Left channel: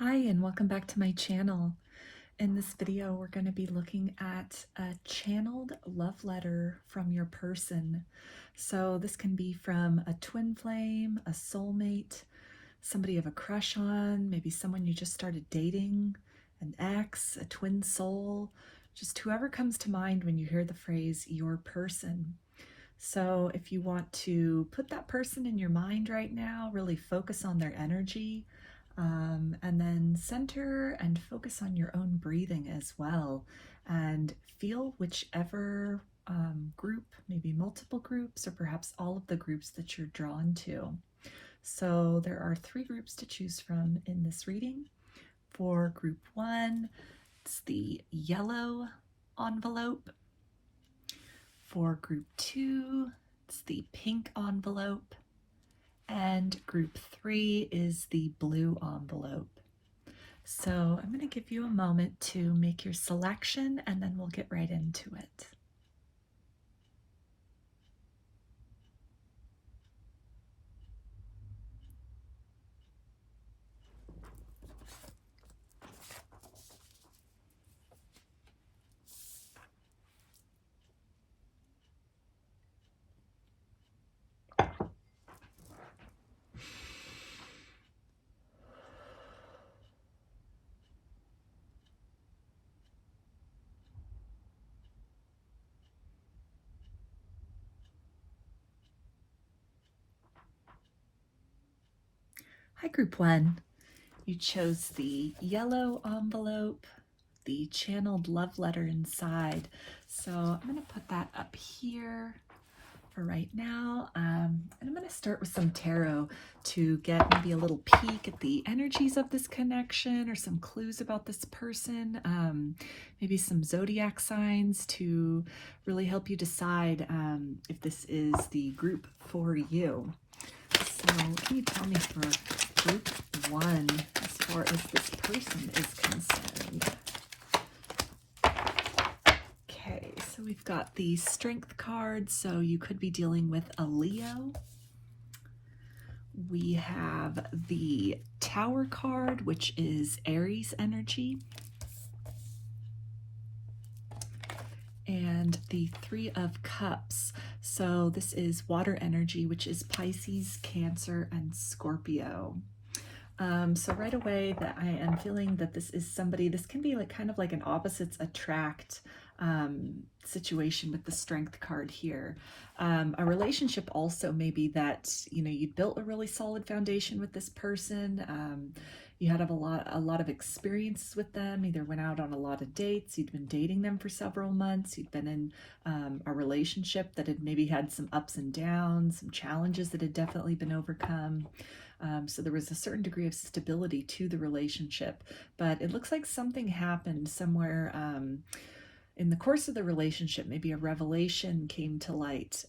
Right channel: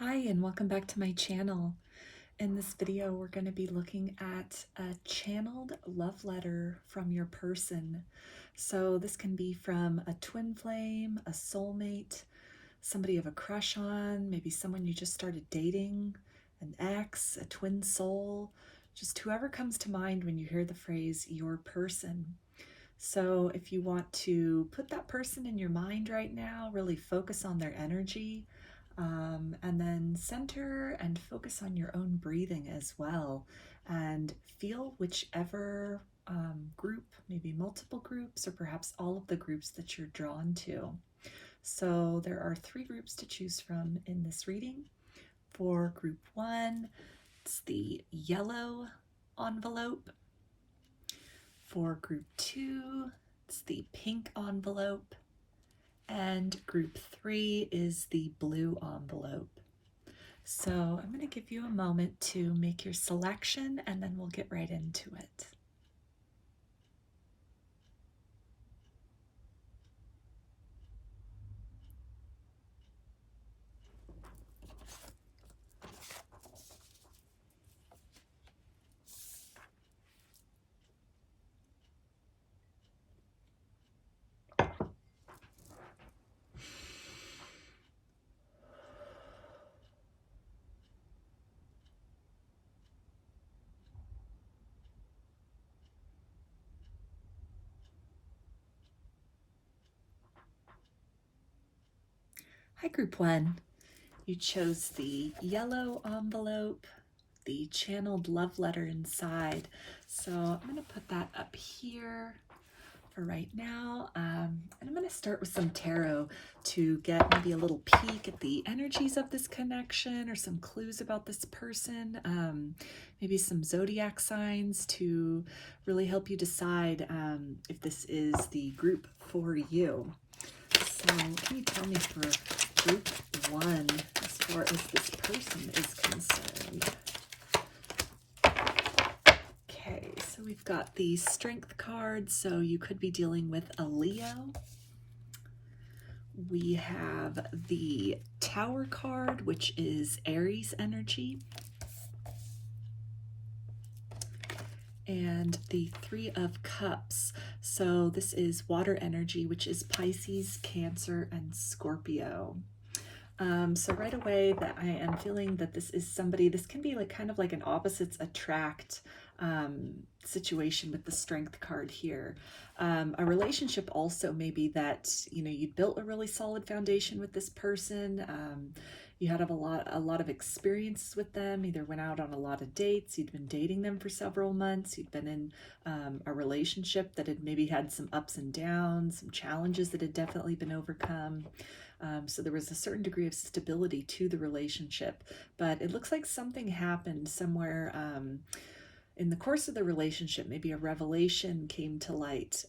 Hi, and welcome back to my channel. In this video, we're going to be looking at a channeled love letter from your person. So this can be from a twin flame, a soulmate, somebody you have a crush on, maybe someone you just started dating, an ex, a twin soul, just whoever comes to mind when you hear the phrase your person. So if you want to put that person in your mind right now, really focus on their energy, and then center and focus on your own breathing as well, and feel whichever group, maybe multiple groups or perhaps all of the groups that you're drawn to. So there are 3 groups to choose from in this reading. For group 1, it's the yellow envelope. For group 2, it's the pink envelope. And group 3 is the blue envelope. So I'm going to give you a moment to make your selection, and then we'll get right into it. Hi, group 1. You chose the yellow envelope, the channeled love letter inside. So I'm going to put that up here for right now. And I'm going to start with some tarot to get maybe a little peek at the energies of this connection or some clues about this person. Maybe some zodiac signs to really help you decide if this is the group for you. So can you tell me for group 1 as far as this person is concerned? Okay, so we've got the strength card, so you could be dealing with a Leo. We have the Tower card, which is Aries energy. And the 3 of Cups. So this is water energy, which is Pisces, Cancer, and Scorpio. So right away that I am feeling that this is somebody, this can be like kind of like an opposites attract situation with the strength card here. A relationship also maybe that, you built a really solid foundation with this person. You had a lot of experience with them, either went out on a lot of dates, you'd been dating them for several months, you'd been in a relationship that had maybe had some ups and downs, some challenges that had definitely been overcome. So there was a certain degree of stability to the relationship, but it looks like something happened somewhere in the course of the relationship. Maybe a revelation came to light,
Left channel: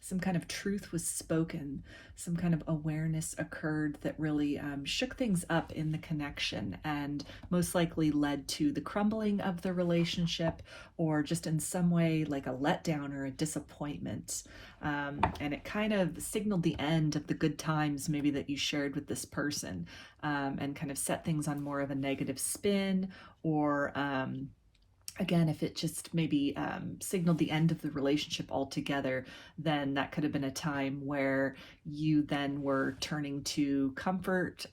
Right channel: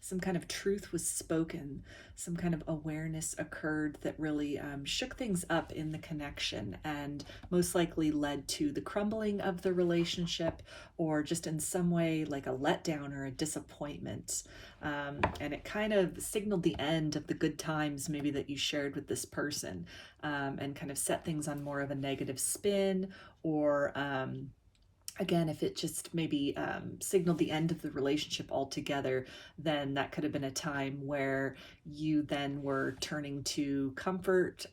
some kind of truth was spoken, some kind of awareness occurred that really shook things up in the connection and most likely led to the crumbling of the relationship, or just in some way like a letdown or a disappointment. And it kind of signaled the end of the good times maybe that you shared with this person, and kind of set things on more of a negative spin, or again, if it just maybe signaled the end of the relationship altogether, then that could have been a time where you then were turning to comfort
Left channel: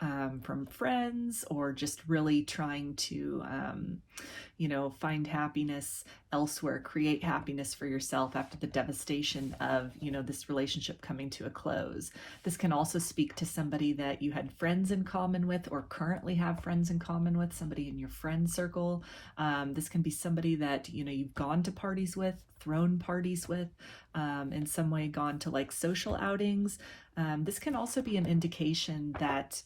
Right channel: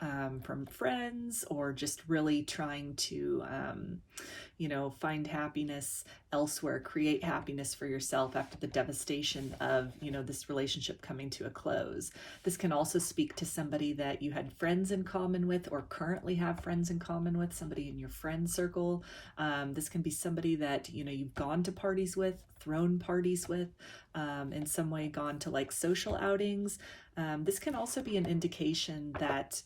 from friends, or just really trying to, find happiness elsewhere, create happiness for yourself after the devastation of, this relationship coming to a close. This can also speak to somebody that you had friends in common with, or currently have friends in common with, somebody in your friend circle. This can be somebody that, you've gone to parties with, thrown parties with, in some way gone to like social outings. This can also be an indication that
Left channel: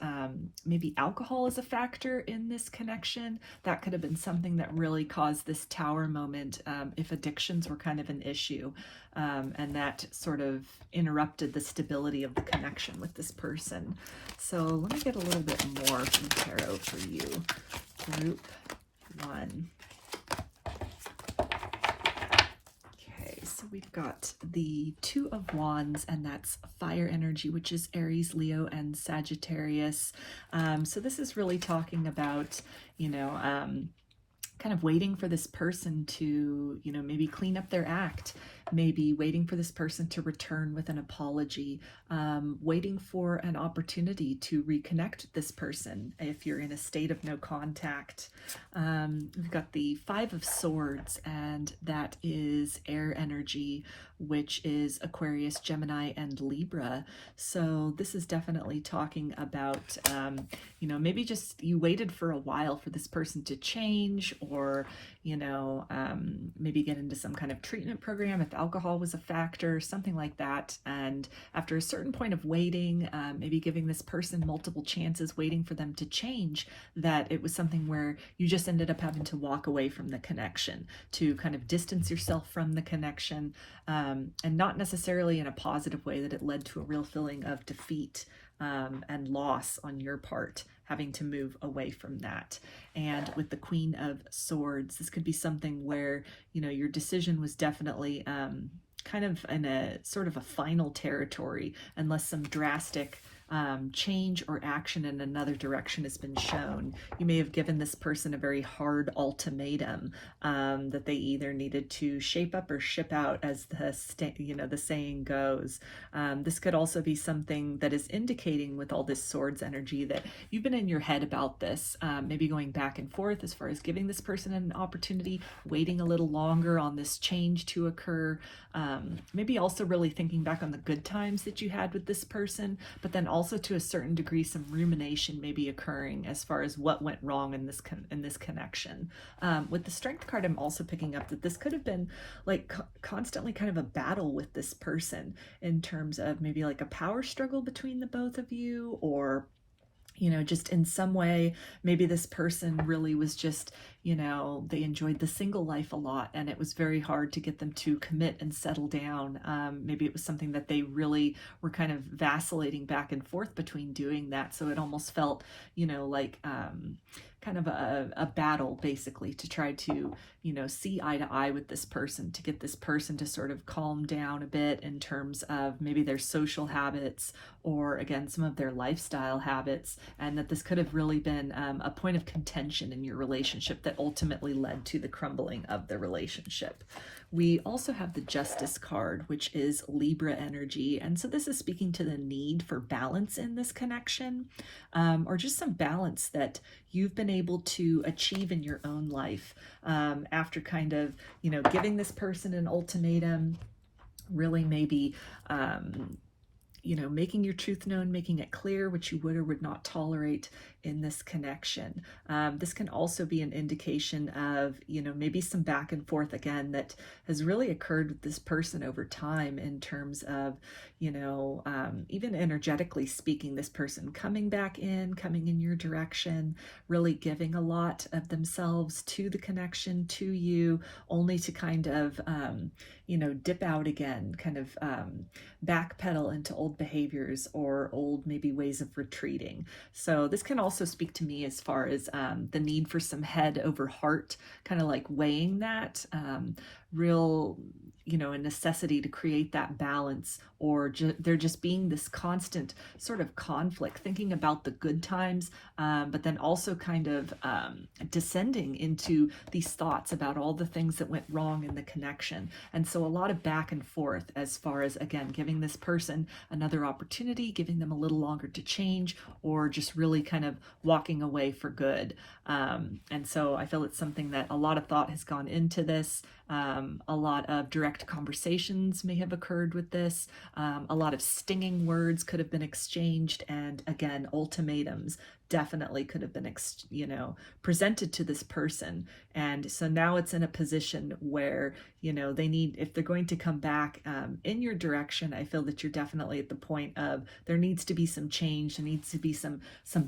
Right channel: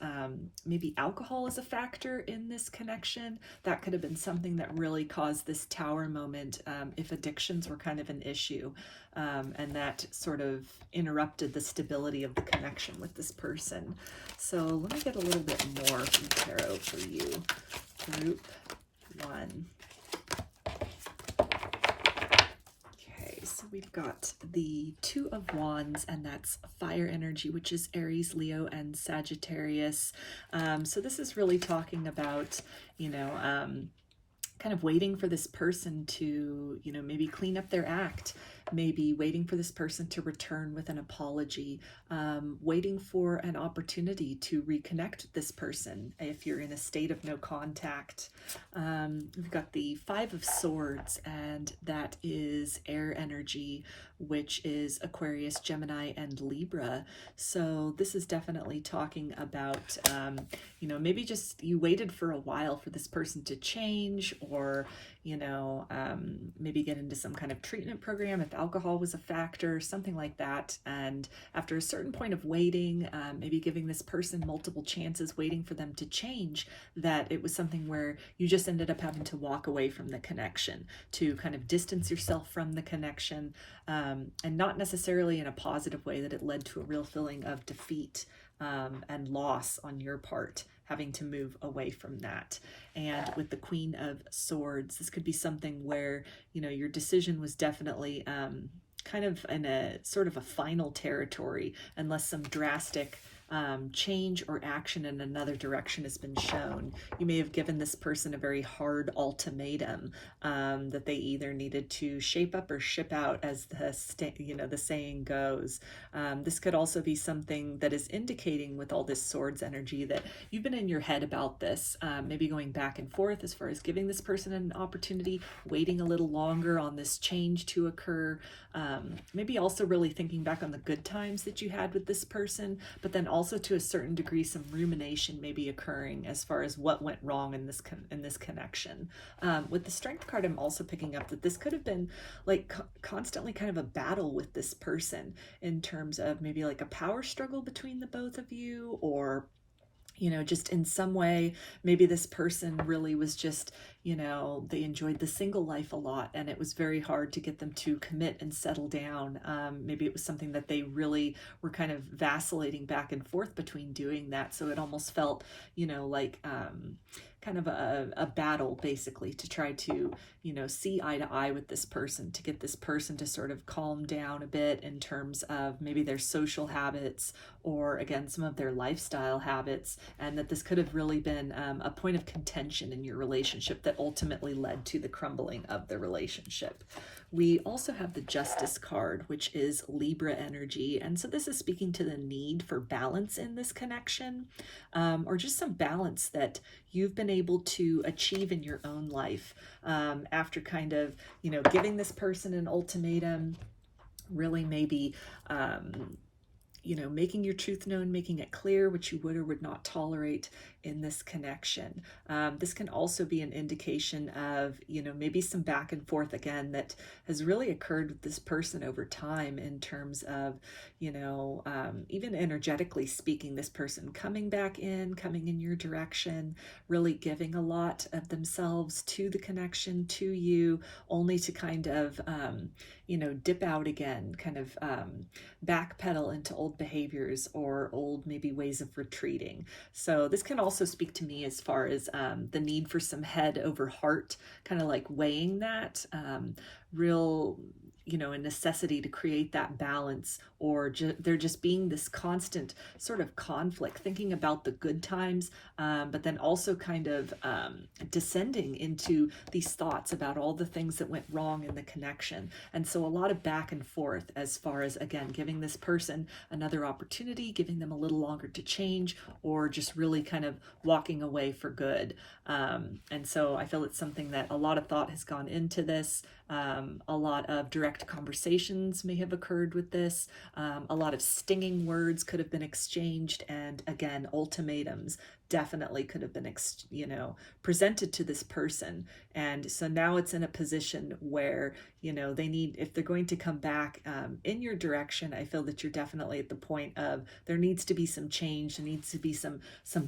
maybe alcohol is a factor in this connection. That could have been something that really caused this tower moment, if addictions were kind of an issue, and that sort of interrupted the stability of the connection with this person. So let me get a little bit more from tarot for you, group 1. we've got the Two of Wands, and that's fire energy, which is Aries, Leo, and Sagittarius. So this is really talking about, kind of waiting for this person to, maybe clean up their act, maybe waiting for this person to return with an apology, waiting for an opportunity to reconnect with this person if you're in a state of no contact. We've got the Five of Swords, and that is air energy, which is Aquarius, Gemini, and Libra. So this is definitely talking about, maybe just you waited for a while for this person to change, or, maybe get into some kind of treatment program if alcohol was a factor, something like that. And after a certain point of waiting, maybe giving this person multiple chances, waiting for them to change, that it was something where you just ended up having to walk away from the connection, to kind of distance yourself from the connection, and not necessarily in a positive way, that it led to a real feeling of defeat and loss on your part, having to move away from that. And with the Queen of Swords, this could be something where, your decision was definitely kind of in a sort of a final territory, unless some drastic change or action in another direction has been shown. You may have given this person a very hard ultimatum that they either needed to shape up or ship out, as the saying goes. This could also be something that is indicating, with all this swords energy, that you've been in your head about this, maybe going back and forth as far as giving this person an opportunity, waiting a little longer on this change to occur, maybe also really thinking back on the good times that you had with this person, but then also to a certain degree some rumination may be occurring as far as what went wrong in this connection. With the Strength card, I'm also picking up that this could have been like constantly kind of a battle with this person, in terms of maybe like a power struggle between the both of you, or just in some way, maybe this person really was just, they enjoyed the single life a lot, and it was very hard to get them to commit and settle down. Maybe it was something that they really were kind of vacillating back and forth between doing that. So it almost felt, like kind of a battle, basically, to try to, see eye to eye with this person, to get this person to sort of calm down a bit in terms of maybe their social habits, or again, some of their lifestyle habits, and that this could have really been a point of contention in your relationship that ultimately led to the crumbling of the relationship. We also have the Justice card, which is Libra energy. And so this is speaking to the need for balance in this connection, or just some balance that you've been able to achieve in your own life, after kind of, giving this person an ultimatum, really maybe, making your truth known, making it clear what you would or would not tolerate in this connection. This can also be an indication of, maybe some back and forth again that has really occurred with this person over time, in terms of, even energetically speaking, this person coming in your direction, really giving a lot of themselves to the connection, to you, only to kind of, dip out again, kind of backpedal into old behaviors or old maybe ways of retreating. So this can also speak to me as far as the need for some head over heart, kind of like weighing that real, a necessity to create that balance, or there just being this constant sort of conflict, thinking about the good times, but then also kind of descending into these thoughts about all the things that went wrong in the connection. And so a lot of back and forth as far as, again, giving this person another opportunity, giving them a little longer to change, or just really kind of walking away for good. And so I feel it's something that a lot of thought has gone into this. A lot of direct conversations may have occurred with this. A lot of stinging words could have been exchanged, and again, ultimatums definitely could have been presented to this person. And so now it's in a position where they need, if they're going to come back in your direction, I feel that you're definitely at the point of there needs to be some change, there needs to be some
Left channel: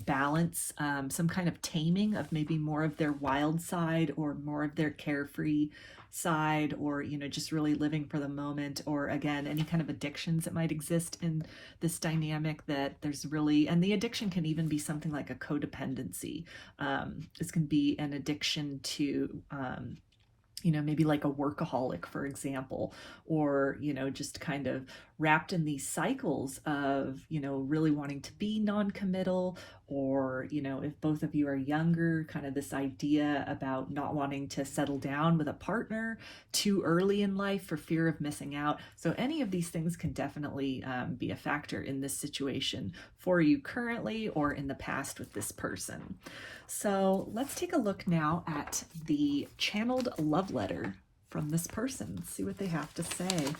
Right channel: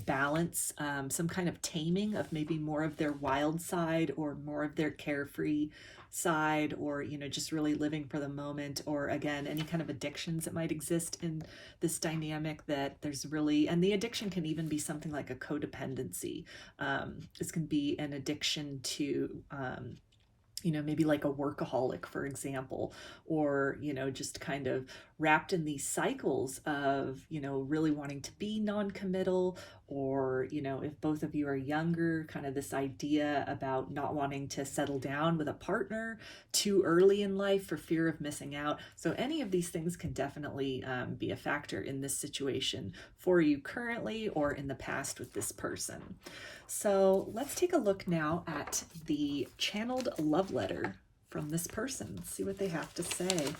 balance, some kind of taming of maybe more of their wild side, or more of their carefree side, or just really living for the moment, or again, any kind of addictions that might exist in this dynamic, that there's really, and the addiction can even be something like a codependency. This can be an addiction to maybe like a workaholic, for example, or, just kind of wrapped in these cycles of, really wanting to be non-committal, or, if both of you are younger, kind of this idea about not wanting to settle down with a partner too early in life for fear of missing out. So any of these things can definitely be a factor in this situation for you currently or in the past with this person. So let's take a look now at the channeled love letter from this person. See what they have to say.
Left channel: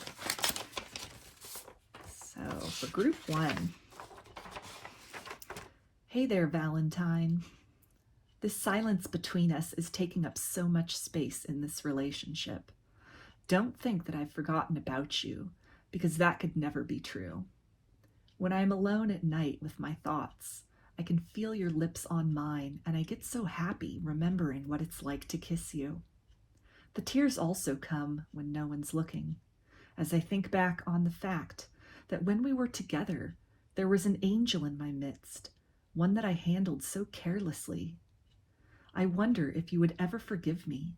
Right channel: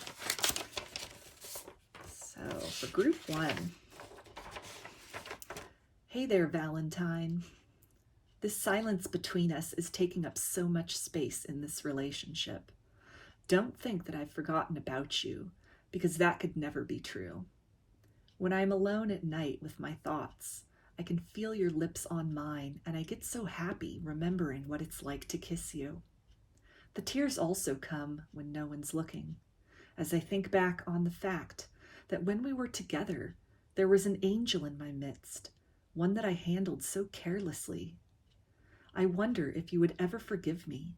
So for group 1, hey there, Valentine. This silence between us is taking up so much space in this relationship. Don't think that I've forgotten about you, because that could never be true. When I'm alone at night with my thoughts, I can feel your lips on mine, and I get so happy remembering what it's like to kiss you. The tears also come when no one's looking, as I think back on the fact that when we were together, there was an angel in my midst, one that I handled so carelessly. I wonder if you would ever forgive me.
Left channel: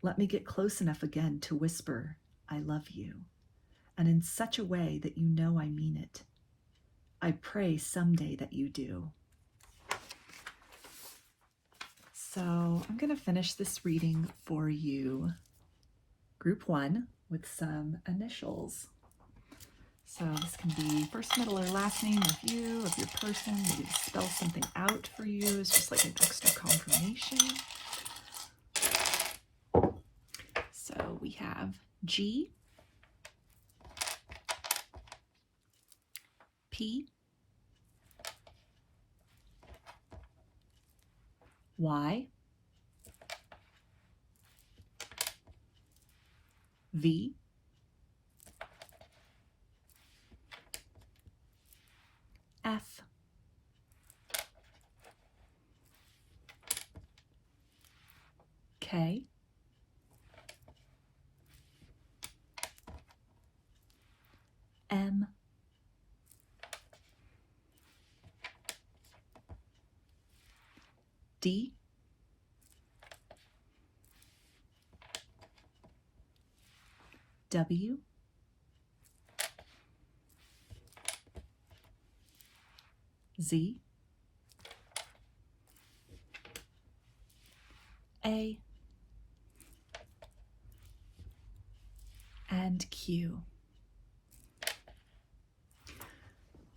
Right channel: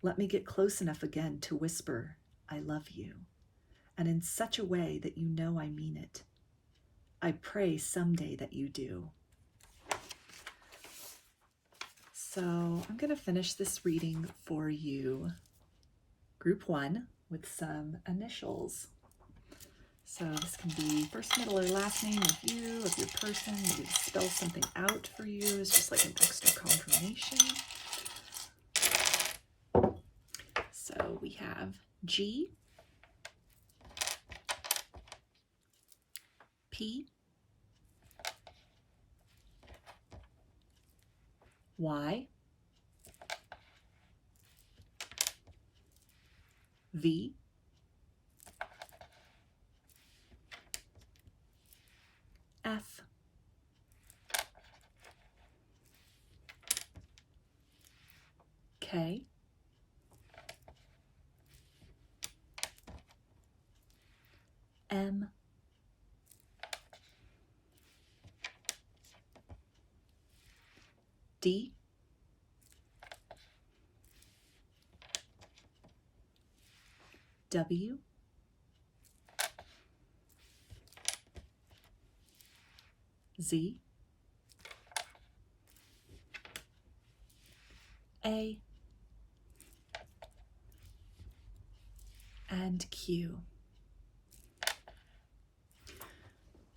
Let me get close enough again to whisper, I love you, and in such a way that you know I mean it. I pray someday that you do. So I'm going to finish this reading for you, group 1, with some initials. So this can be first, middle, or last name of you, of your person. Maybe spell something out for you. It's just like an extra confirmation. So we have G, P, Y, V, F, K, M, D, W, Z, A, and Q.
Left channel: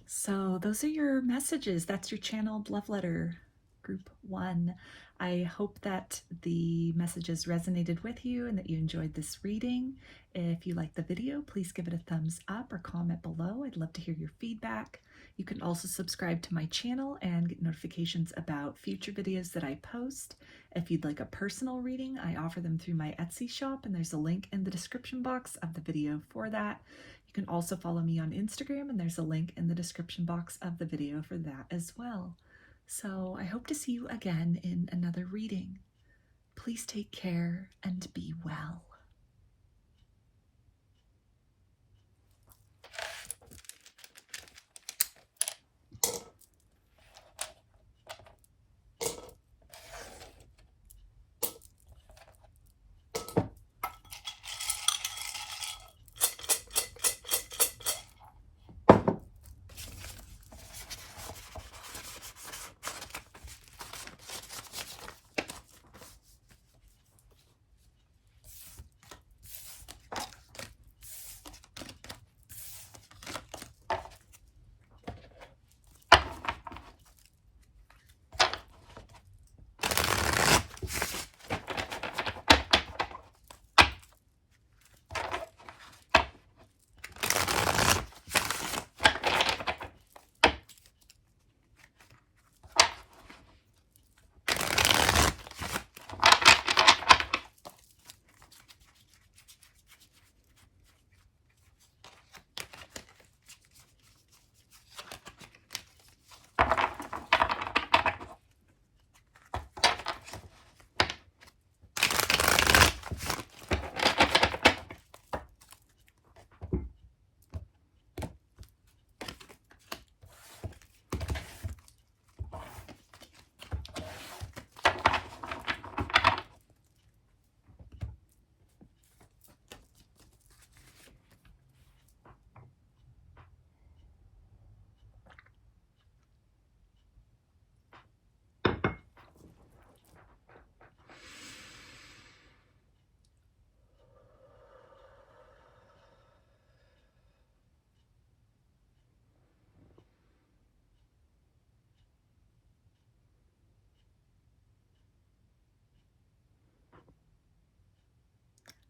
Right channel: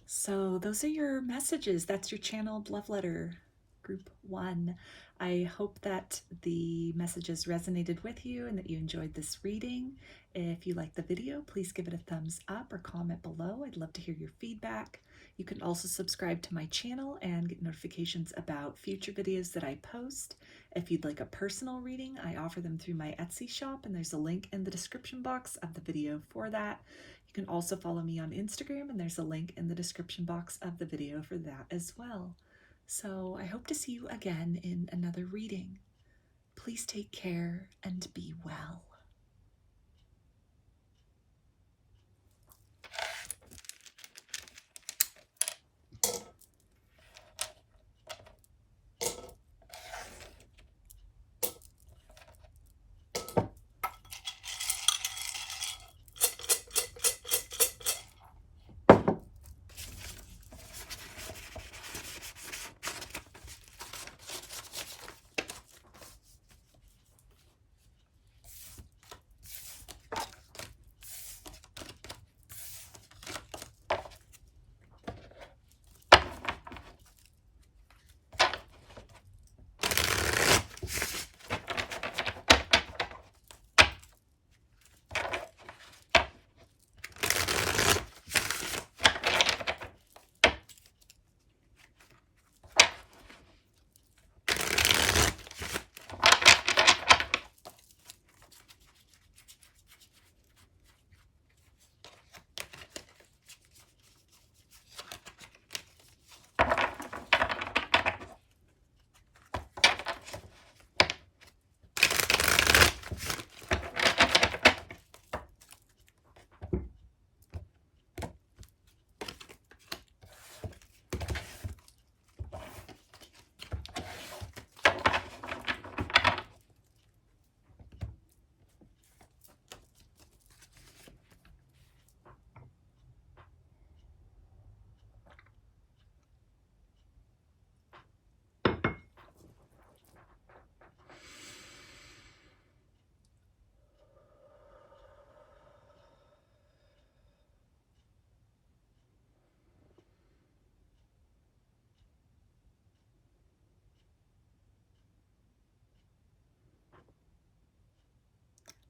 So those are your messages. That's your channeled love letter, group 1. I hope that the messages resonated with you and that you enjoyed this reading. If you liked the video, please give it a thumbs up or comment below. I'd love to hear your feedback. You can also subscribe to my channel and get notifications about future videos that I post. If you'd like a personal reading, I offer them through my Etsy shop, and there's a link in the description box of the video for that. You can also follow me on Instagram, and there's a link in the description box of the video for that as well. So I hope to see you again in another reading. Please take care and be well.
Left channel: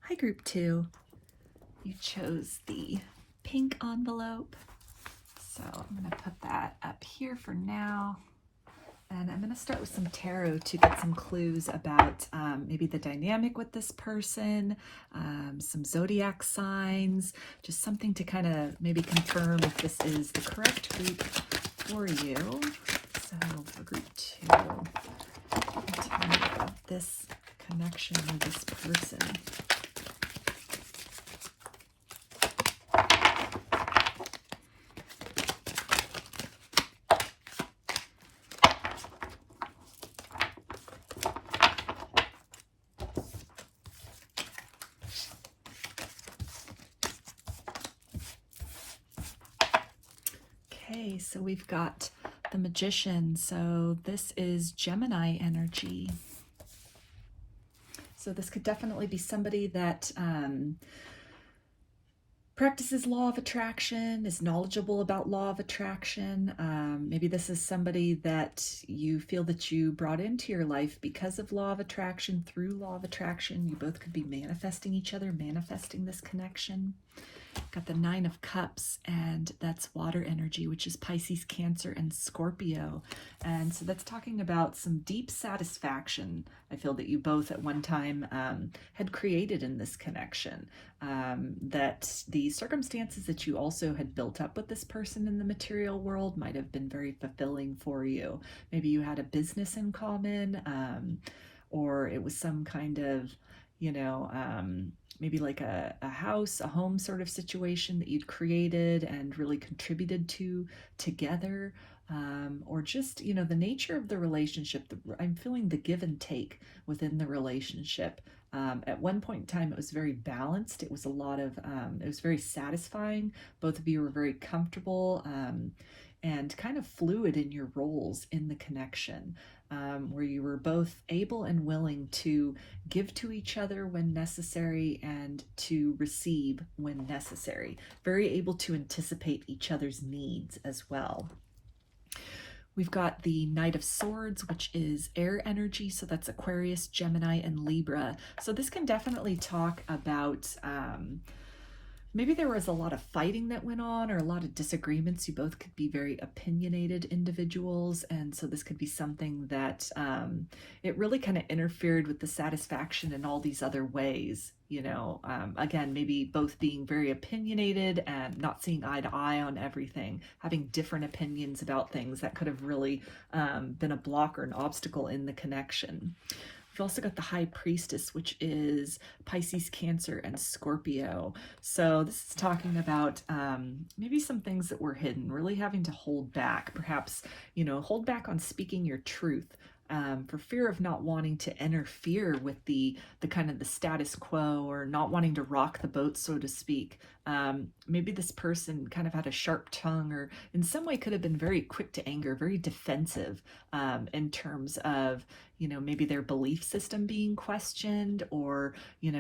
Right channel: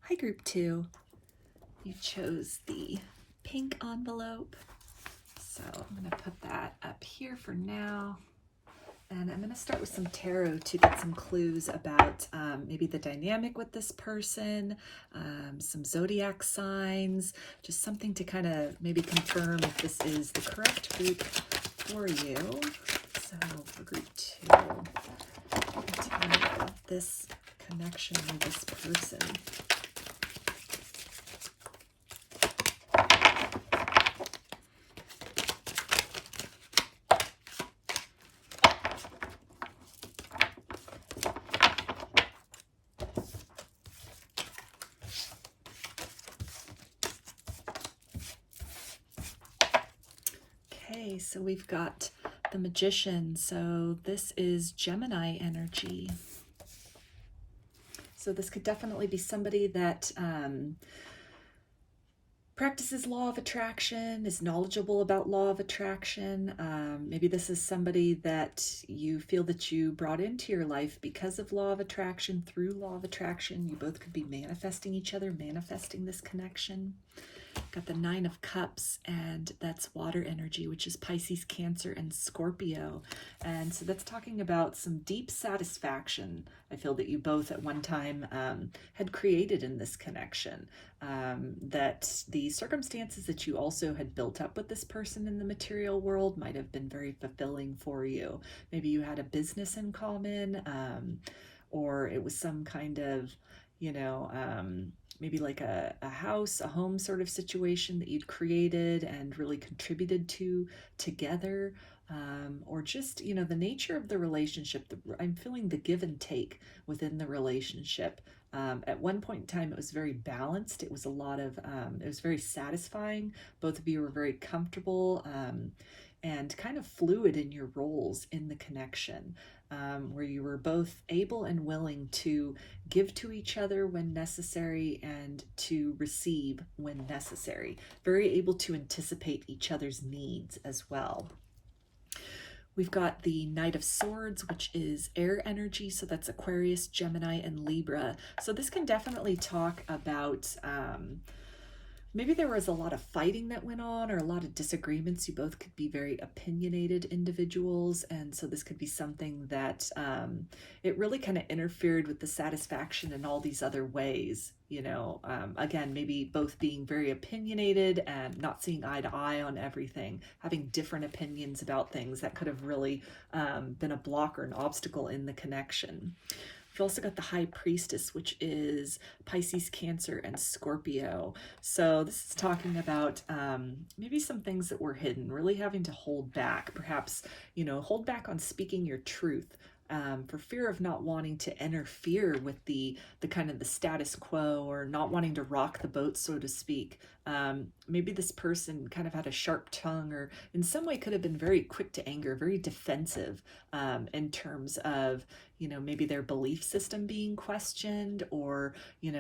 Hi, group 2. You chose the pink envelope. So I'm going to put that up here for now. And I'm going to start with some tarot to get some clues about maybe the dynamic with this person, some zodiac signs, just something to kind of maybe confirm if this is the correct group for you. So for group 2, tell me about this connection with this person. So we've got the Magician. So this is Gemini energy. So this could definitely be somebody that practices law of attraction, is knowledgeable about law of attraction. Maybe this is somebody that you feel that you brought into your life because of law of attraction, through law of attraction. You both could be manifesting each other, manifesting this connection. Got the 9 of Cups, and that's water energy, which is Pisces, Cancer, and Scorpio. And so that's talking about some deep satisfaction, I feel, that you both at one time had created in this connection. That the circumstances that you also had built up with this person in the material world might have been very fulfilling for you. Maybe you had a business in common, or it was some kind of, maybe like a house, a home sort of situation that you'd created and really contributed to together, or just, the nature of the relationship. I'm feeling the give and take within the relationship. At one point in time, it was very balanced. It was a lot of, it was very satisfying. Both of you were very comfortable and kind of fluid in your roles in the connection. Where you were both able and willing to give to each other when necessary and to receive when necessary. Very able to anticipate each other's needs as well. We've got the Knight of Swords, which is air energy. So that's Aquarius, Gemini, and Libra. So this can definitely talk about maybe there was a lot of fighting that went on, or a lot of disagreements. You both could be very opinionated individuals, and so this could be something that it really kind of interfered with the satisfaction in all these other ways. Again, maybe both being very opinionated and not seeing eye to eye on everything, having different opinions about things that could have really been a block or an obstacle in the connection. We've also got the High Priestess, which is Pisces, Cancer, and Scorpio. So this is talking about maybe some things that were hidden, really having to hold back, perhaps, hold back on speaking your truth. For fear of not wanting to interfere with the kind of the status quo, or not wanting to rock the boat, so to speak. Maybe this person kind of had a sharp tongue, or in some way could have been very quick to anger, very defensive in terms of, maybe their belief system being questioned, or,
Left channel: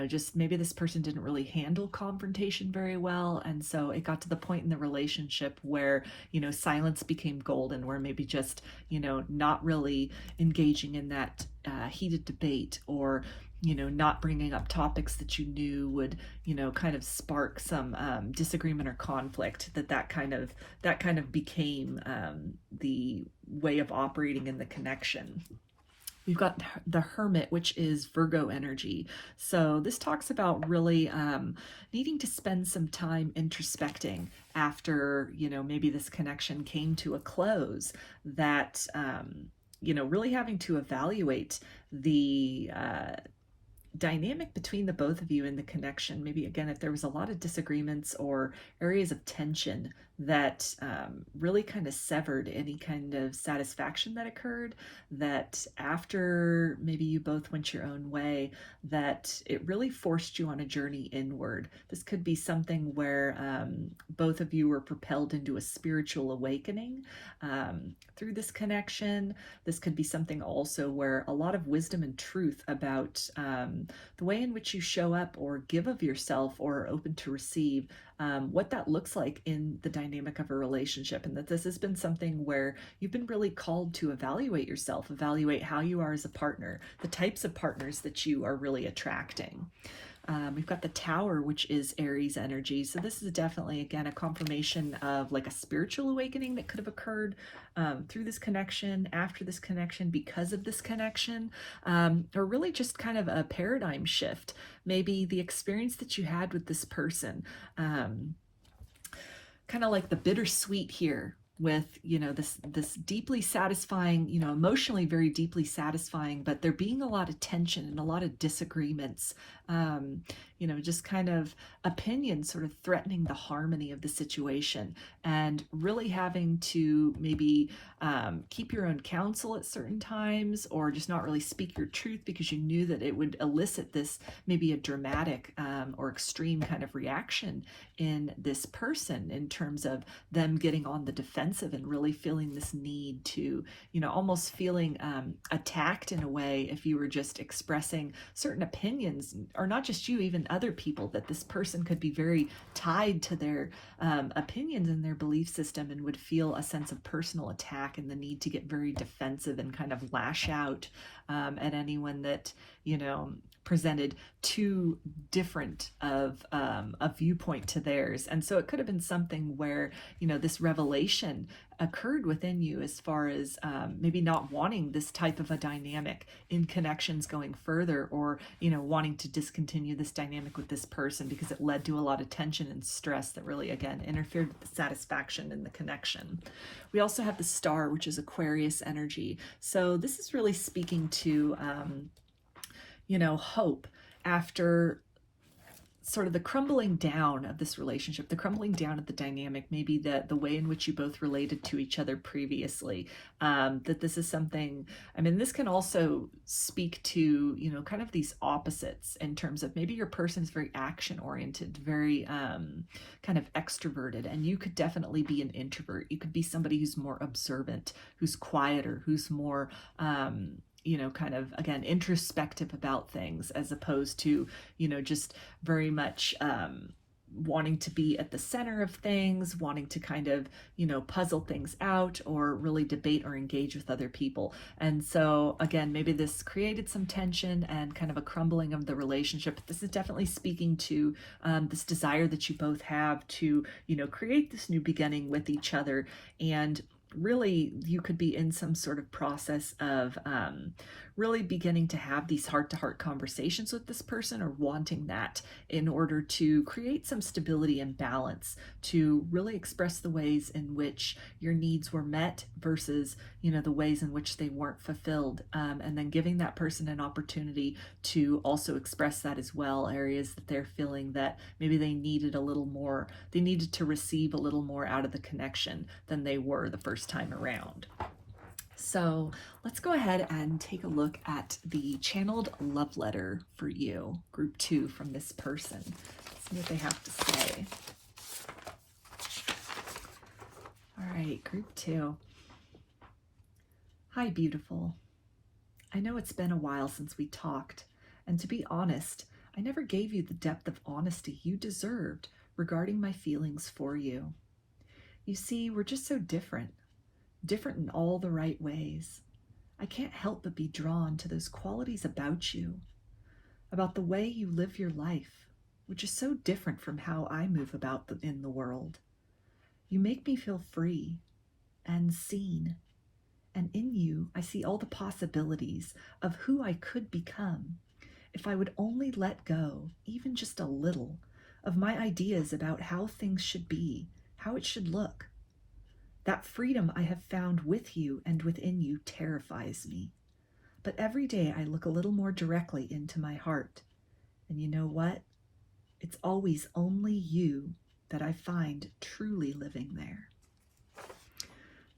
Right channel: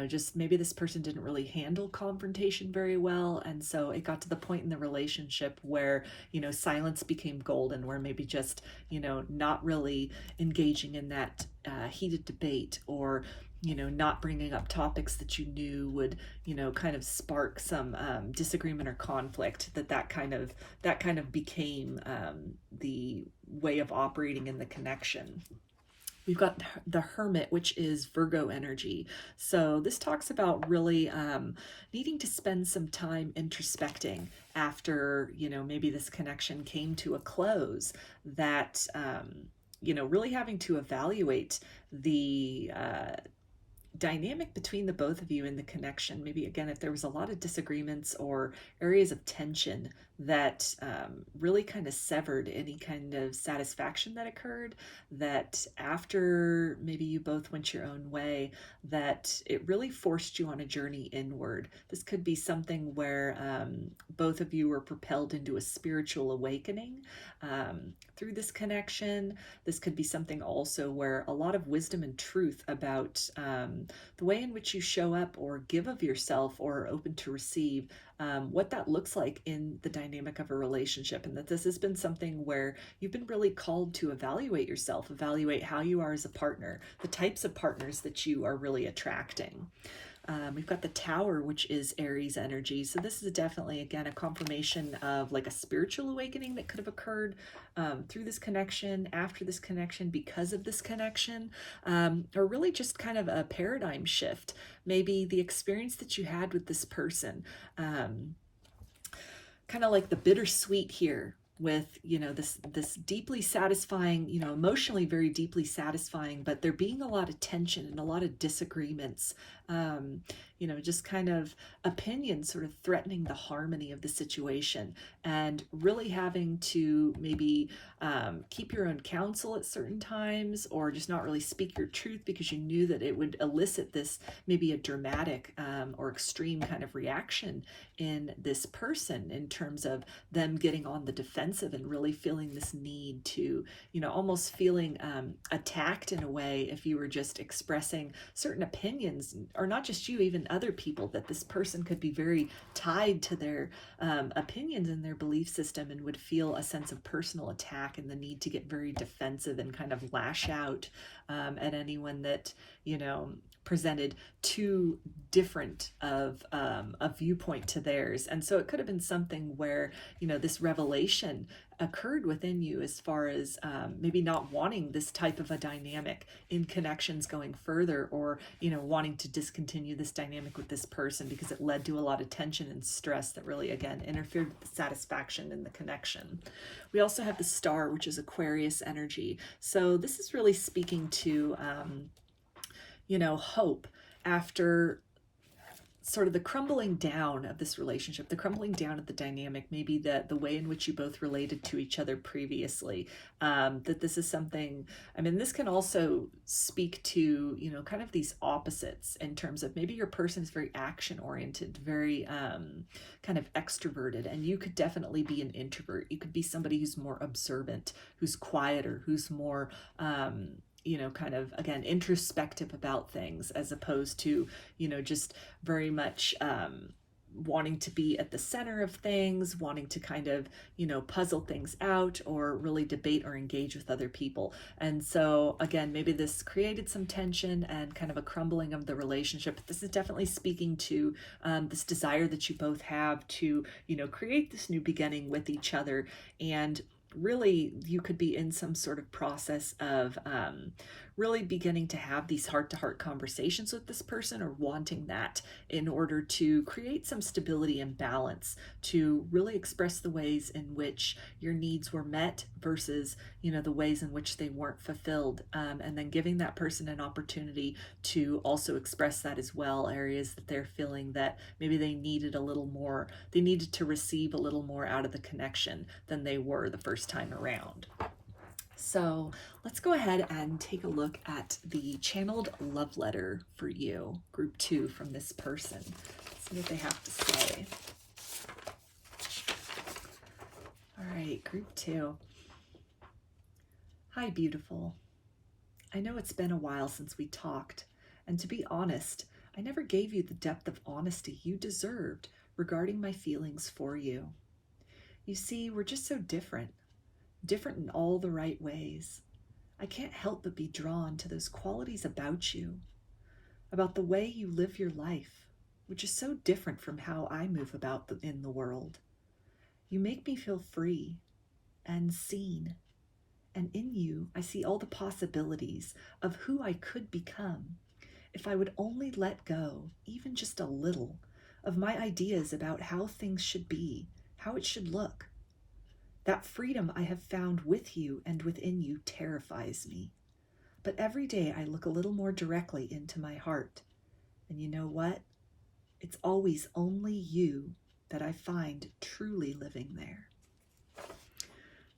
just maybe this person didn't really handle confrontation very well. And so it got to the point in the relationship where, silence became golden, where maybe just, not really engaging in that heated debate, or, not bringing up topics that you knew would, kind of spark some disagreement or conflict, that kind of became the way of operating in the connection. We've got the Hermit, which is Virgo energy. So this talks about really needing to spend some time introspecting after, maybe this connection came to a close, that, really having to evaluate the dynamic between the both of you in the connection. Maybe, again, if there was a lot of disagreements or areas of tension that really kind of severed any kind of satisfaction that occurred, that after maybe you both went your own way, that it really forced you on a journey inward. This could be something where both of you were propelled into a spiritual awakening through this connection. This could be something also where a lot of wisdom and truth about the way in which you show up or give of yourself or are open to receive, what that looks like in the dynamic of a relationship, and that this has been something where you've been really called to evaluate yourself, evaluate how you are as a partner, the types of partners that you are really attracting. We've got the Tower, which is Aries energy. So this is definitely, again, a confirmation of like a spiritual awakening that could have occurred through this connection, after this connection, because of this connection, or really just kind of a paradigm shift. Maybe the experience that you had with this person, kind of like the bittersweet here with, you know, this deeply satisfying, you know, emotionally very deeply satisfying, but there being a lot of tension and a lot of disagreements, you know, just kind of opinions sort of threatening the harmony of the situation, and really having to maybe keep your own counsel at certain times, or just not really speak your truth because you knew that it would elicit this maybe a dramatic or extreme kind of reaction in this person, in terms of them getting on the defensive and really feeling this need to, you know, almost feeling attacked in a way if you were just expressing certain opinions, or not just you, even other people, that this person could be very tied to their opinions and their belief system, and would feel a sense of personal attack and the need to get very defensive and kind of lash out at anyone that, you know, presented too different of a viewpoint to theirs. And so it could have been something where, you know, this revelation occurred within you as far as maybe not wanting this type of a dynamic in connections going further, or, you know, wanting to discontinue this dynamic with this person because it led to a lot of tension and stress that really, again, interfered with the satisfaction in the connection. We also have the Star, which is Aquarius energy. So this is really speaking to you know, hope after sort of the crumbling down of this relationship, the crumbling down of the dynamic, maybe the way in which you both related to each other previously, that this is something, I mean, this can also speak to, you know, kind of these opposites in terms of maybe your person is very action oriented, very kind of extroverted, and you could definitely be an introvert. You could be somebody who's more observant, who's quieter, who's more you know, kind of, again, introspective about things, as opposed to, you know, just very much wanting to be at the center of things, wanting to kind of, you know, puzzle things out, or really debate or engage with other people. And so, again, maybe this created some tension and kind of a crumbling of the relationship. This is definitely speaking to this desire that you both have to, you know, create this new beginning with each other. And really, you could be in some sort of process of really beginning to have these heart-to-heart conversations with this person, or wanting that in order to create some stability and balance, to really express the ways in which your needs were met versus, you know, the ways in which they weren't fulfilled, and then giving that person an opportunity to also express that as well, areas that they're feeling that maybe they needed a little more, they needed to receive a little more out of the connection than they were the first time around. So let's go ahead and take a look at the channeled love letter for you, group 2, from this person. Let's see what they have to say. All right, group 2. Hi, beautiful. I know it's been a while since we talked, and to be honest, I never gave you the depth of honesty you deserved regarding my feelings for you. You see, we're just so different in all the right ways. I can't help but be drawn to those qualities about you, about the way you live your life, which is so different from how I move about in the world. You make me feel free and seen, and in you I see all the possibilities of who I could become if I would only let go, even just a little, of my ideas about how things should be, how it should look. That freedom I have found with you and within you terrifies me. But every day I look a little more directly into my heart. And you know what? It's always only you that I find truly living there.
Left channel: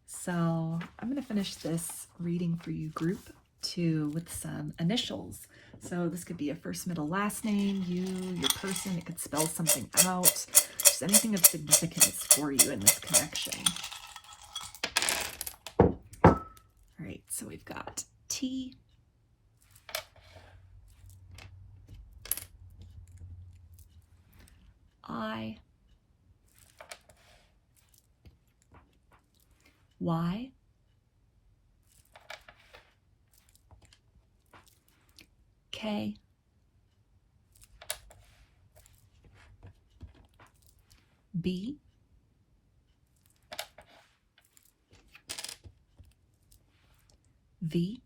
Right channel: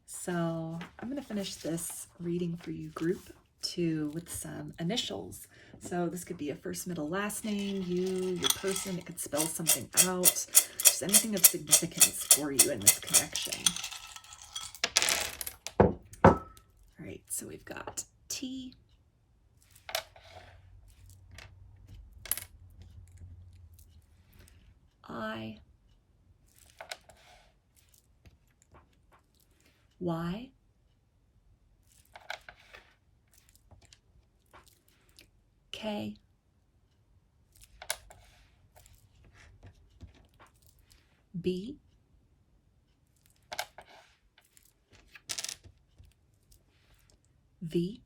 So I'm going to finish this reading for you, group 2, with some initials. So this could be a first, middle, last name, you, your person. It could spell something out. Just anything of significance for you in this connection. All right, so we've got T, I, Y, K, B, V,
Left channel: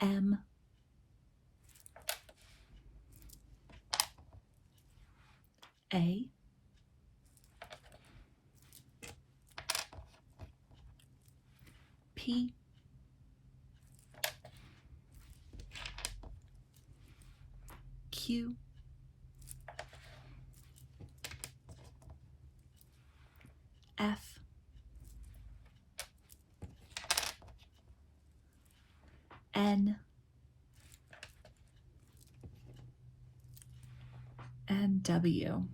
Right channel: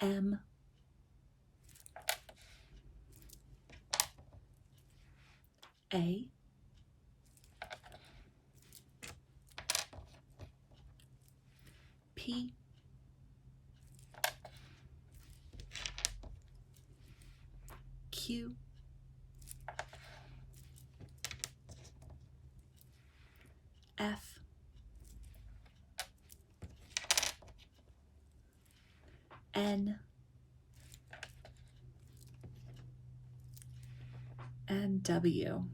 M, A, P, Q, F, N, and W.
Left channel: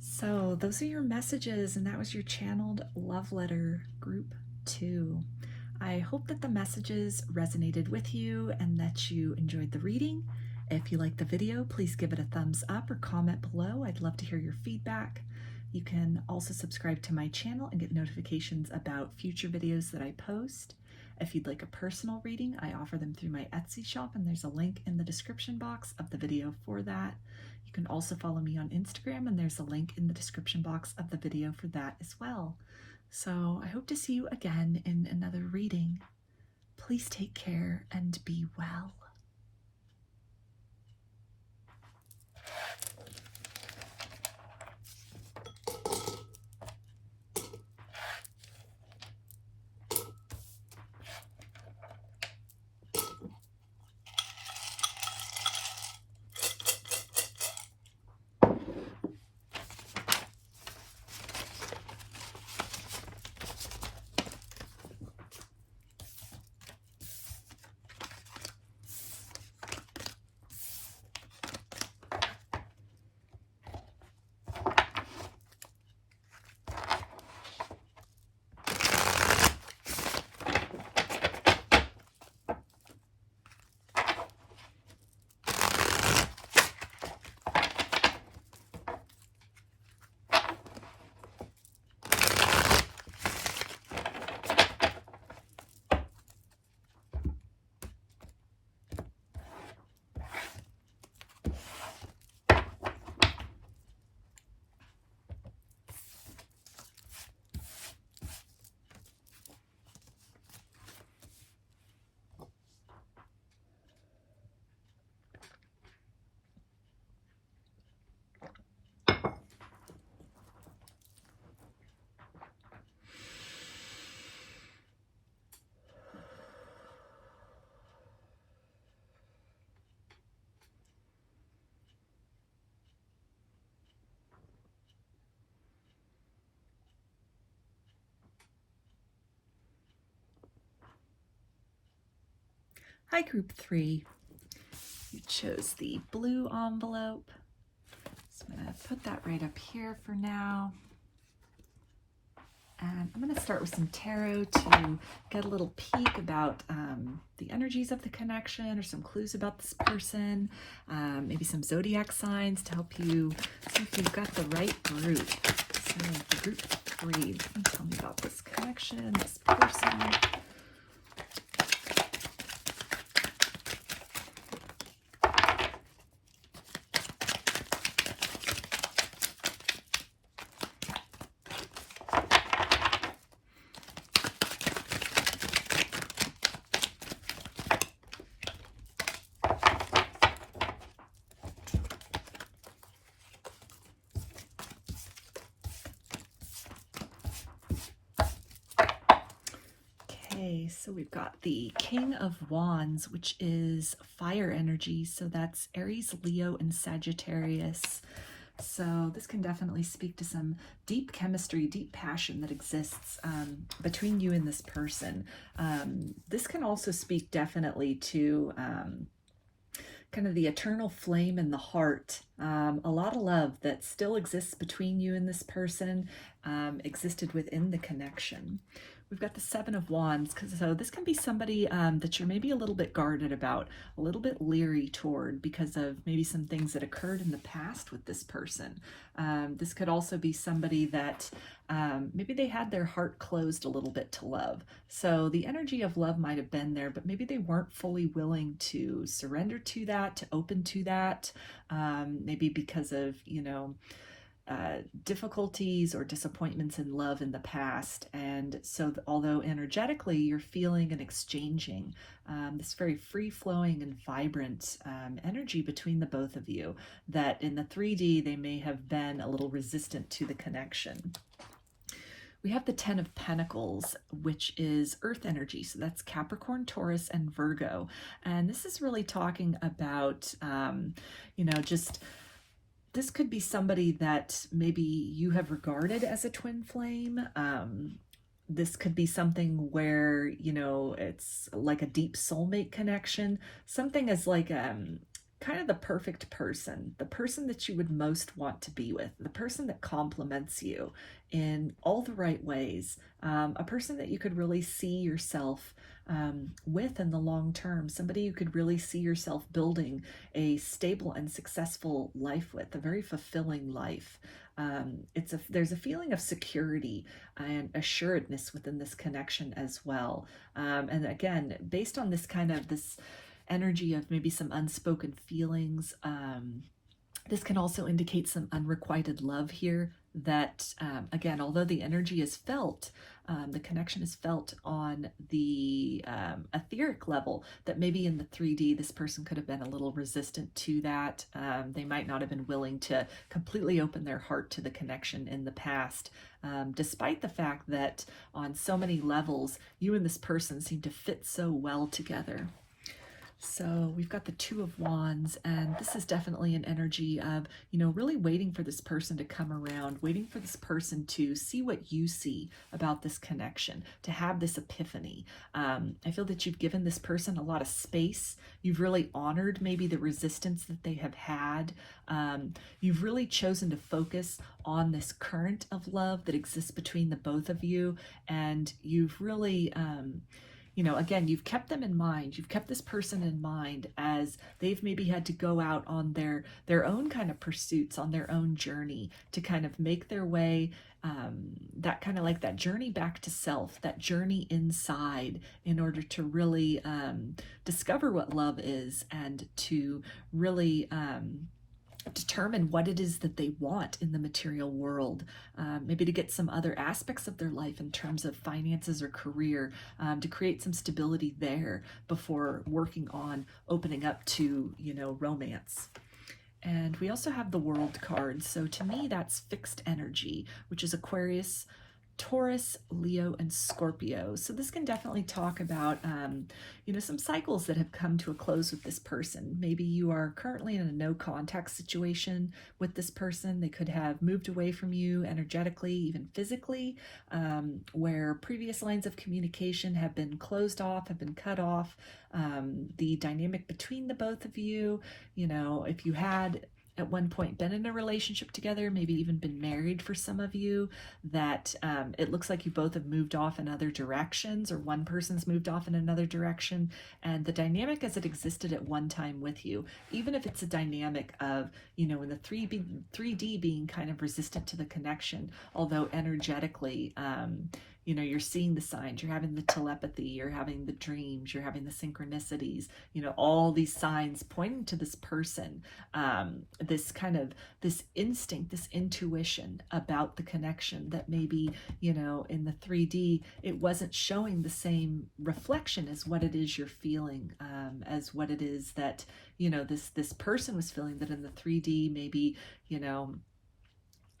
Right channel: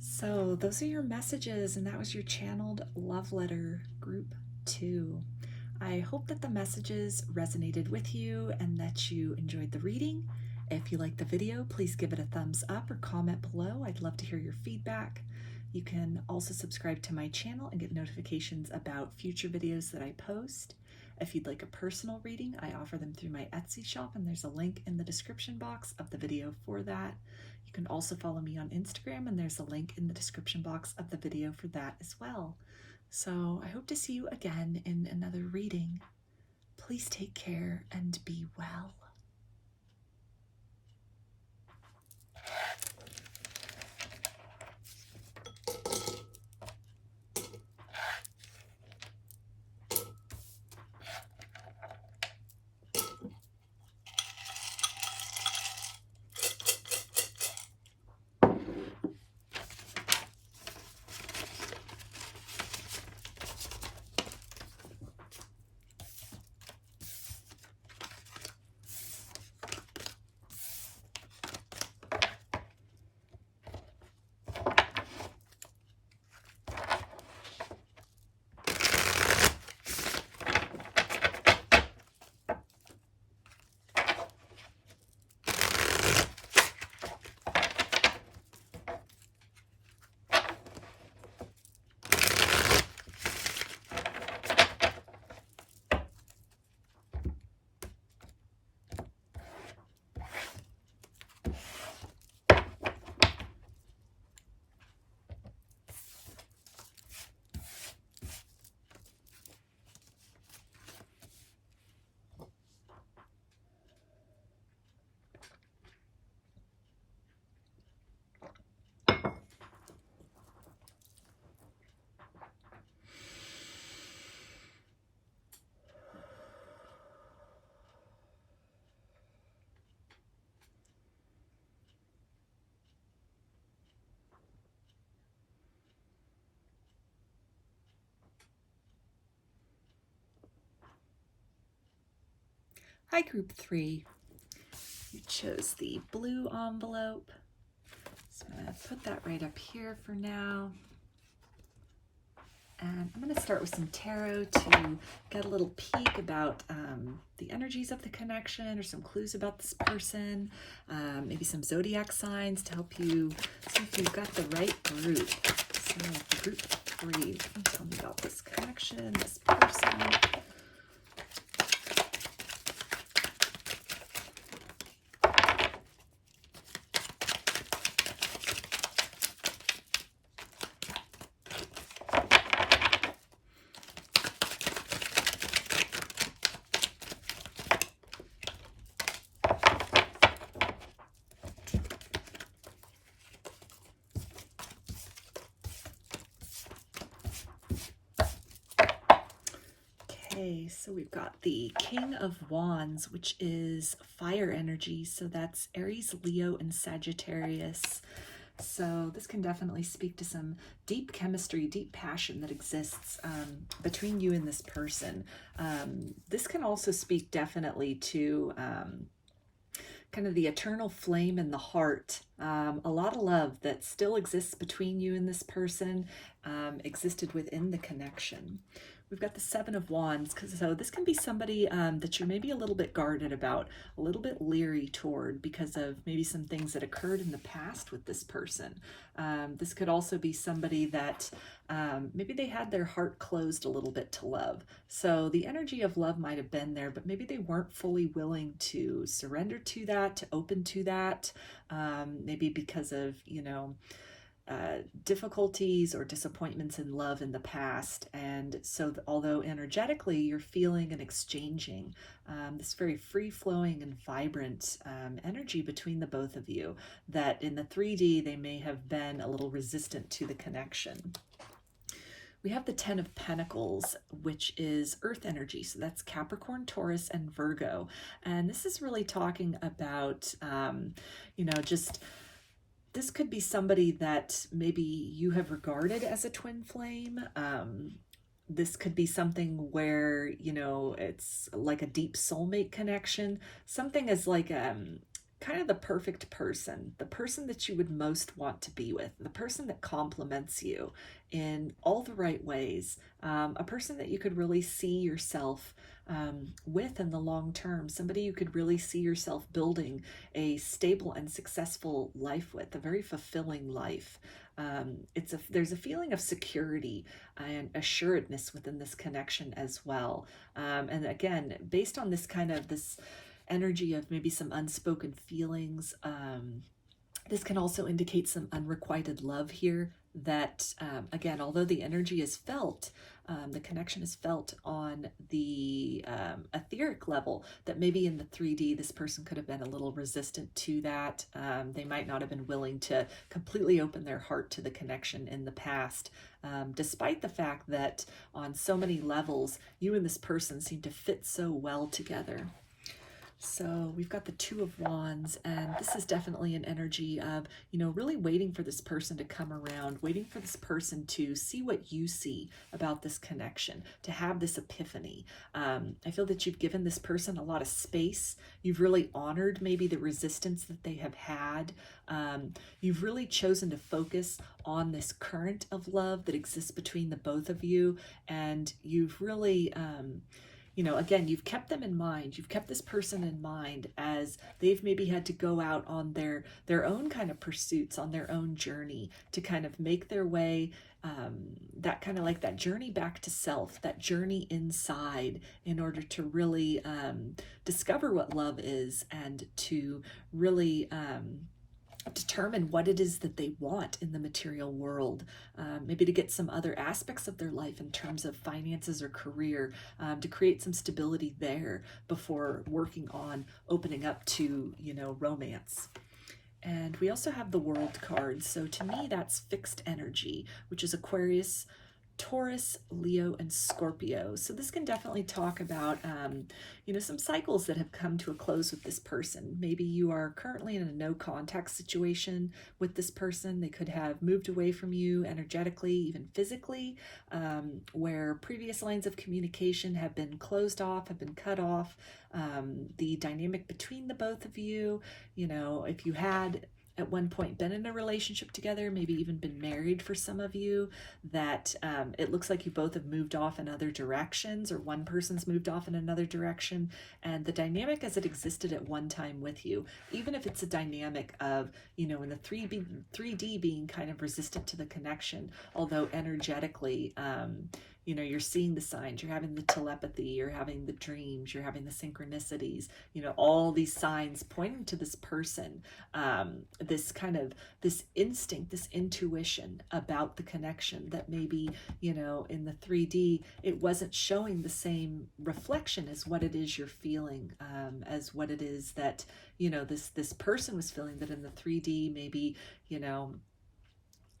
So those are your messages, and that was your channeled love letter group 2. I hope that the messages resonated with you and that you enjoyed the reading. If you liked the video, please give it a thumbs up or comment below. I'd love to hear your feedback. You can also subscribe to my channel and get notifications about future videos that I post. If you'd like a personal reading, I offer them through my Etsy shop, and there's a link in the description box of the video for that. You can also follow me on Instagram, and there's a link in the description box of the video for that as well. So I hope to see you again in another reading. Please take care and be well. Hi, group 3. You chose the blue envelope. So I'm going to put that right up here for now. And I'm going to start with some tarot to get a little peek about the energies of the connection, or some clues about this person, maybe some zodiac signs to help you see if you've got the right group. So group 3, can you tell me about this connection, this person? Okay, so we've got the King of Wands, which is fire energy. So that's Aries, Leo, and Sagittarius. So this can definitely speak to some deep chemistry, deep passion that exists between you and this person. This can also speak definitely to kind of the eternal flame in the heart. A lot of love that still exists between you and this person existed within the connection. We've got the Seven of Wands, so this can be somebody that you're maybe a little bit guarded about, a little bit leery toward because of maybe some things that occurred in the past with this person. This could also be somebody that maybe they had their heart closed a little bit to love. So the energy of love might have been there, but maybe they weren't fully willing to surrender to that, to open to that, maybe because of, difficulties or disappointments in love in the past. And so although energetically you're feeling and exchanging this very free-flowing and vibrant energy between the both of you, that in the 3D they may have been a little resistant to the connection. We have the Ten of Pentacles, which is earth energy. So that's Capricorn, Taurus, and Virgo. And this is really talking about, just this could be somebody that maybe you have regarded as a twin flame. This could be something where, it's like a deep soulmate connection. Something as like kind of the perfect person, the person that you would most want to be with, the person that complements you in all the right ways, a person that you could really see yourself with in the long term, somebody you could really see yourself building a stable and successful life with, a very fulfilling life. There's a feeling of security and assuredness within this connection as well. And again, based on this energy of maybe some unspoken feelings, this can also indicate some unrequited love here that, again, although the energy is felt, the connection is felt on the etheric level, that maybe in the 3D this person could have been a little resistant to that. They might not have been willing to completely open their heart to the connection in the past, despite the fact that on so many levels you and this person seem to fit so well together. So we've got the Two of Wands, and this is definitely an energy of, really waiting for this person to come around, waiting for this person to see what you see about this connection, to have this epiphany. I feel that you've given this person a lot of space. You've really honored maybe the resistance that they have had. You've really chosen to focus on this current of love that exists between the both of you, and you've really... again, you've kept them in mind. You've kept this person in mind as they've maybe had to go out on their own kind of pursuits, on their own journey to kind of make their way, that kind of like that journey back to self, that journey inside, in order to really discover what love is and to really determine what it is that they want in the material world, maybe to get some other aspects of their life in terms of finances or career, to create some stability there before working on opening up to, romance. And we also have the World card. So to me, that's fixed energy, which is Aquarius, Taurus, Leo, and Scorpio. So this can definitely talk about, some cycles that have come to a close with this person. Maybe you are currently in a no contact situation with this person. They could have moved away from you energetically, even physically, where previous lines of communication have been closed off, have been cut off. The dynamic between the both of you, if you had at one point been in a relationship together, maybe even been married for some of you, that it looks like you both have moved off in other directions, or one person's moved off in another direction, and the dynamic as it existed at one time with you, even if it's a dynamic of, in the 3D being kind of resistant to the connection, although energetically, you're seeing the signs, you're having the telepathy, you're having the dreams, you're having the synchronicities, all these signs pointing to this person, this instinct, this intuition about the connection that maybe, in the 3D, it wasn't showing the same reflection as what it is you're feeling, as what it is that, this person was feeling, that in the 3D, maybe,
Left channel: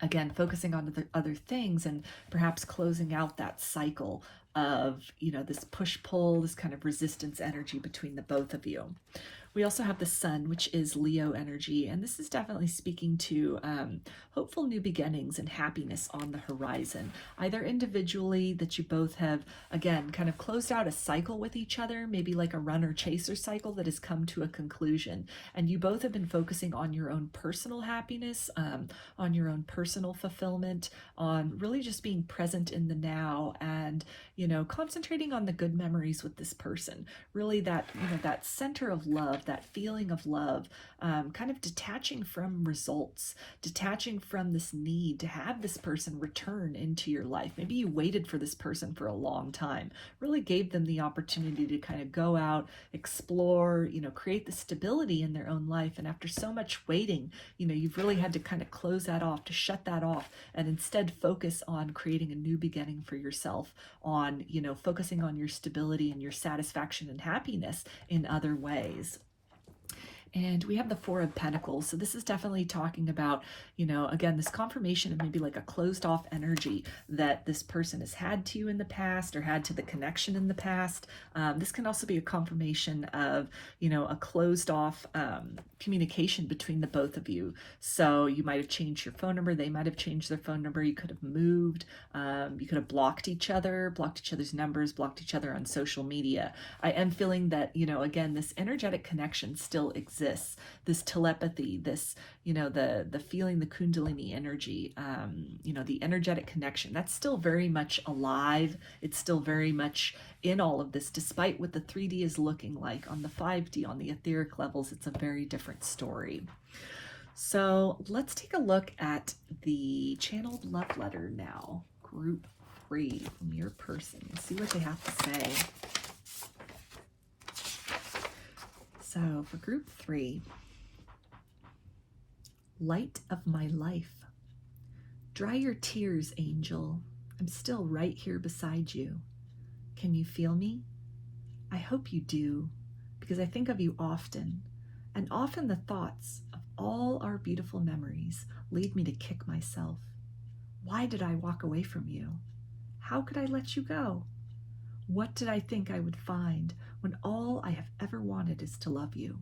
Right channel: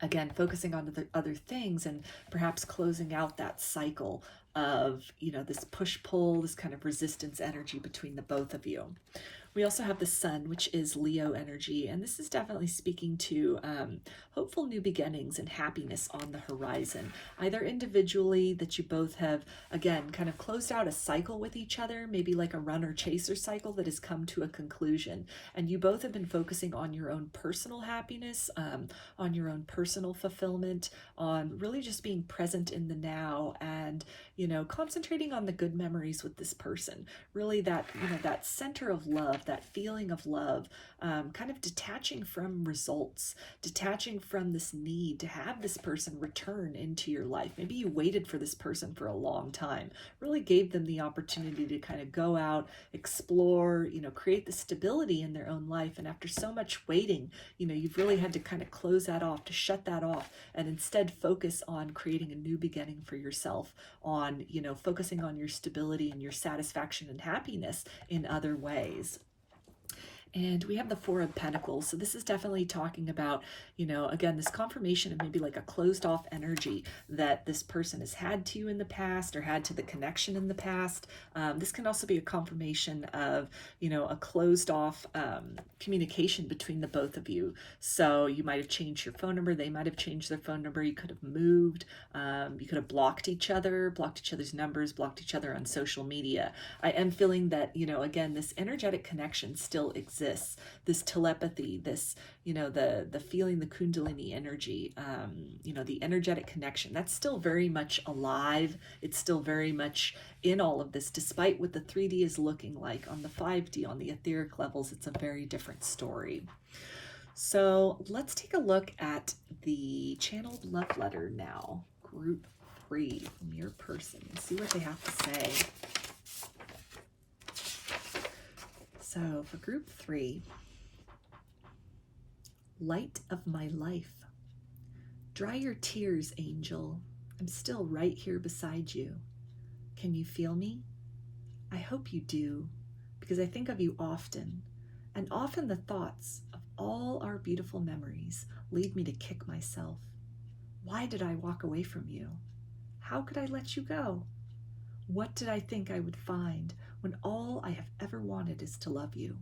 again, focusing on the other things and perhaps closing out that cycle of, this push-pull, this kind of resistance energy between the both of you. We also have the Sun, which is Leo energy, and this is definitely speaking to hopeful new beginnings and happiness on the horizon, either individually, that you both have, again, kind of closed out a cycle with each other, maybe like a runner-chaser cycle that has come to a conclusion, and you both have been focusing on your own personal happiness, on your own personal fulfillment, on really just being present in the now, and, you know, concentrating on the good memories with this person. Really that, you know, that center of love, that feeling of love, kind of detaching from results, detaching from this need to have this person return into your life. Maybe you waited for this person for a long time, really gave them the opportunity to kind of go out, explore, you know, create the stability in their own life. And after so much waiting, you know, you've really had to kind of close that off, to shut that off, and instead focus on creating a new beginning for yourself, on, you know, focusing on your stability and your satisfaction and happiness in other ways. And we have the Four of Pentacles. So this is definitely talking about, you know, again, this confirmation of maybe like a closed off energy that this person has had to you in the past, or had to the connection in the past. This can also be a confirmation of, you know, a closed off communication between the both of you. So you might have changed your phone number. They might have changed their phone number. You could have moved. You could have blocked each other's numbers, blocked each other on social media. I am feeling that, you know, again, this energetic connection still exists. This telepathy, this, you know, the feeling, the kundalini energy, you know, the energetic connection, that's still very much alive. It's still very much in all of this, despite what the 3D is looking like. On the 5D, on the etheric levels, it's a very different story. So let's take a look at the channeled love letter now, group 3 from your person. See what they have to say. So for group 3, light of my life. Dry your tears, angel. I'm still right here beside you. Can you feel me? I hope you do, because I think of you often, and often the thoughts of all our beautiful memories lead me to kick myself. Why did I walk away from you? How could I let you go? What did I think I would find when all I have ever wanted is to love you?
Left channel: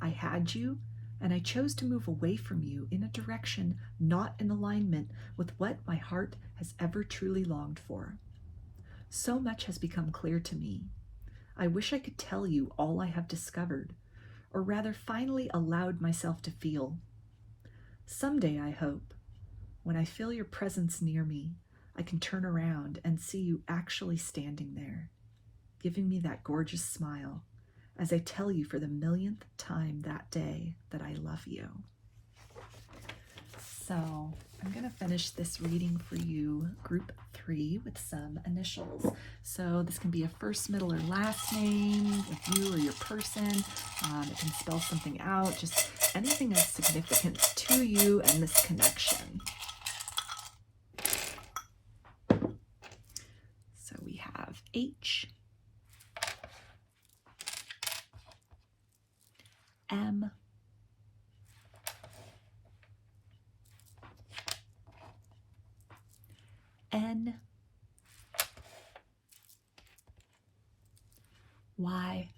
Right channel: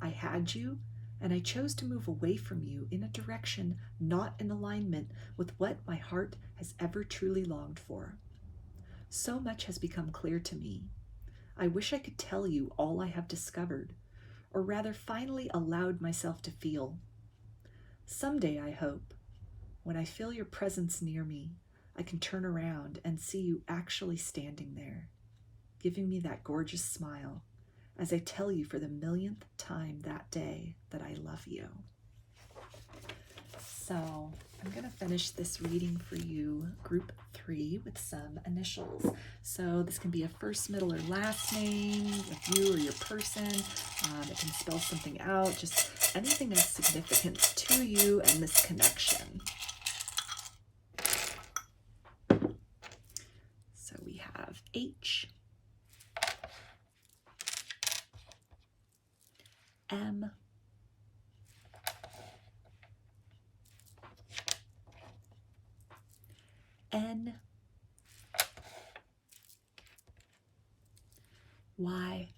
I had you, and I chose to move away from you in a direction not in alignment with what my heart has ever truly longed for. So much has become clear to me. I wish I could tell you all I have discovered, or rather finally allowed myself to feel. Someday, I hope, when I feel your presence near me, I can turn around and see you actually standing there, giving me that gorgeous smile as I tell you for the millionth time that day that I love you. So I'm going to finish this reading for you, group 3, with some initials. So this can be a first, middle, or last name of you or your person. It can spell something out, just anything of significance to you and this connection. So we have H, M, N, Y,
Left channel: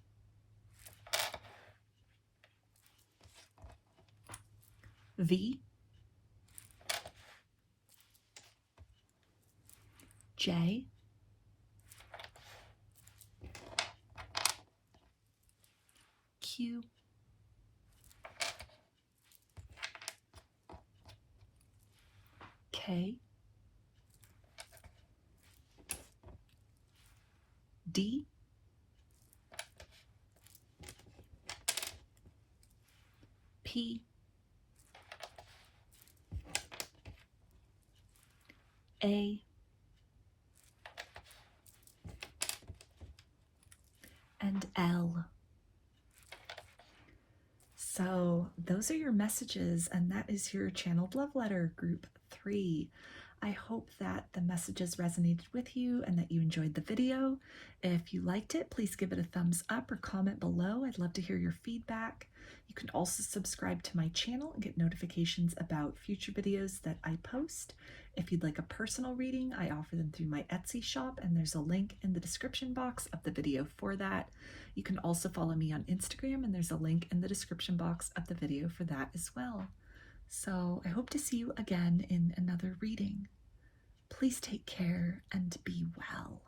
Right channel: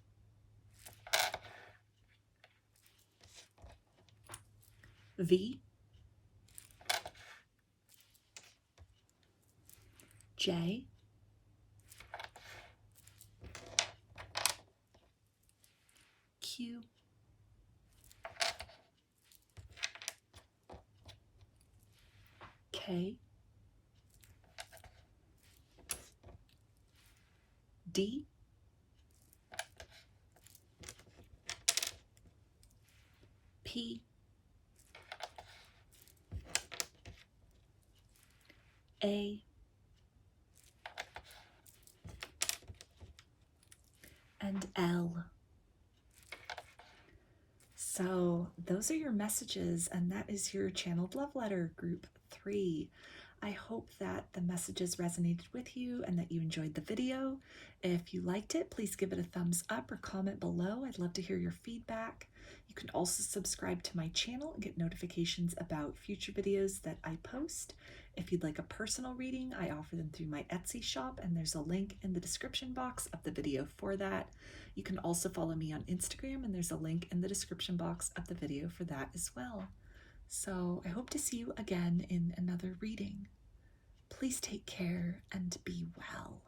V, J, Q, K, D, P, A, and L. So those are your messages, and that is your channeled love letter, group 3. I hope that the messages resonated with you and that you enjoyed the video. If you liked it, please give it a thumbs up or comment below. I'd love to hear your feedback. You can also subscribe to my channel and get notifications about future videos that I post. If you'd like a personal reading, I offer them through my Etsy shop, and there's a link in the description box of the video for that. You can also follow me on Instagram, and there's a link in the description box of the video for that as well. So I hope to see you again in another reading. Please take care and be well.